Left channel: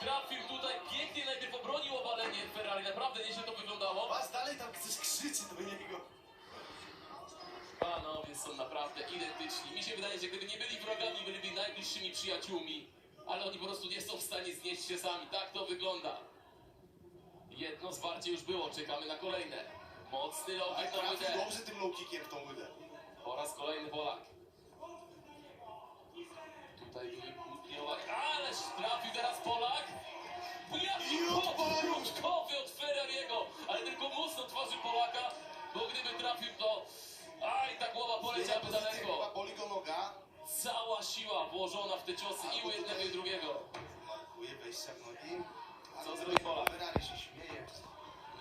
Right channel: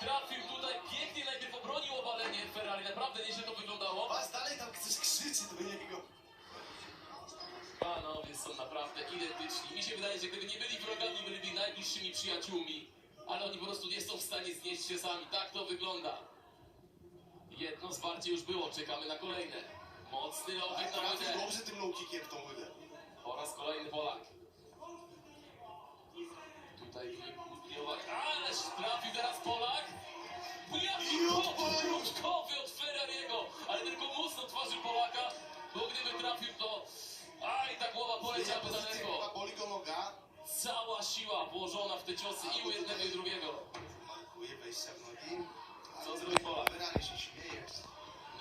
Trafił tutaj pięknie, najpierw obronił obalenie Ferrari, naprawdę nieźle to wyglądało. Was dalej tam ktoś krzyczy do niego. Panowie są naprawdę identyczni. Mi się wydaje, że gdyby nie byli wrogami, byliby najbliższymi przyjaciółmi. Ale oni po prostu nie są w stanie znieść się sami. Tak to wygląda. Jedno zwarcie już było, czekamy na kolejne. Mocny low kick na Trafił łydę. dobrze tym low kickiem w tą łydę. Po raz kolejny Polak. Tutaj wynikł, ależ trafił teraz Polak. Jaki krótkowy od Ferrariego, ale tylko mocno twarzy Polaka, bo gdyby trafił to... Aj, ta głowa poleciałaby Chyba daleko. boli go noga. Cała siła włożona w te ciosy i u jednego i drugiego. Markuje wejścia w nogi. Co zrobi Polak? Ferrari się śmieje.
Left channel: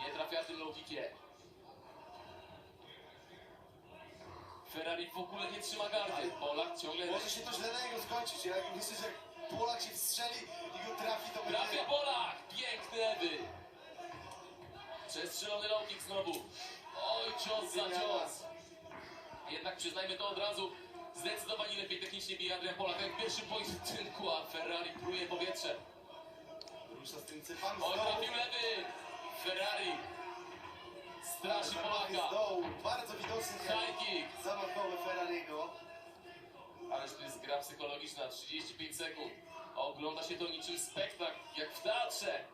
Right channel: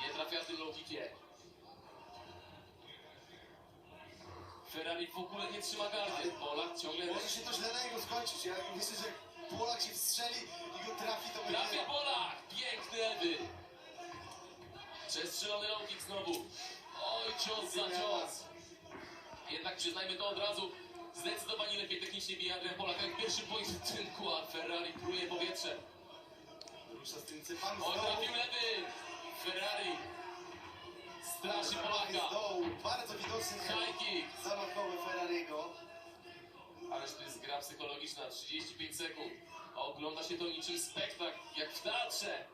Nie trafia tym low kickiem. Ferrari w ogóle nie trzyma gardy. Polak ciągle... Może się to źle na niego skończyć. Ja myślę, że jak Polak się strzeli i go trafi, to będzie... Trafia Polak! Piękny lewy! Przestrzelony low kick znowu. Oj, cios za cios. Jednak przyznajmy to od razu. Zdecydowanie lepiej technicznie bije Adrian Polak. Jak w pierwszym pojedynku, a Ferrari pruje powietrze. Rusza z tym cypami Oj, z dołu. trafił lewy! Ferrari straszy Polaka. Z dołu. Bardzo widoczny High kick. zamachowy Ferrariego. Ależ to jest gra psychologiczna. 35 sekund. Ogląda się to niczym spektakl, jak w teatrze.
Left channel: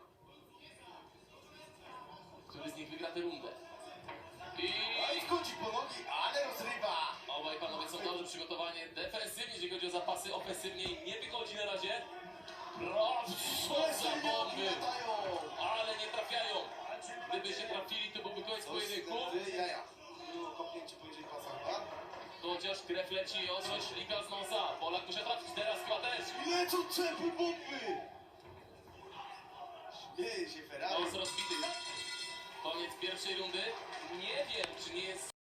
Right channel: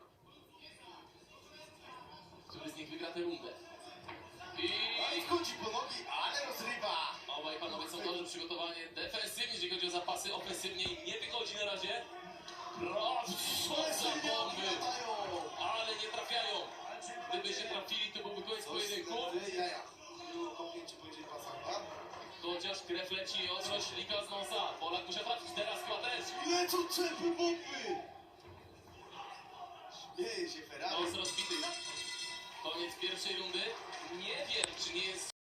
Który z nich wygra tę rundę? No i wchodzi po nogi, ale rozrywa. Obaj panowie są dobrze przygotowani defensywnie, jeżeli chodzi o zapasy, ofensywnie im nie wychodzi na razie. Proszę za bomby, ale nie trafiają. Gdyby się trafili, to byłby koniec pojedynku. Jaja. Było kopnięcie poniżej pasa. Chociaż krew leci od roślika z nosa. Polak musiał trafić, teraz chyba też. Lecą czepy bomby. Śmieje się Ferrari. Nos rozbity.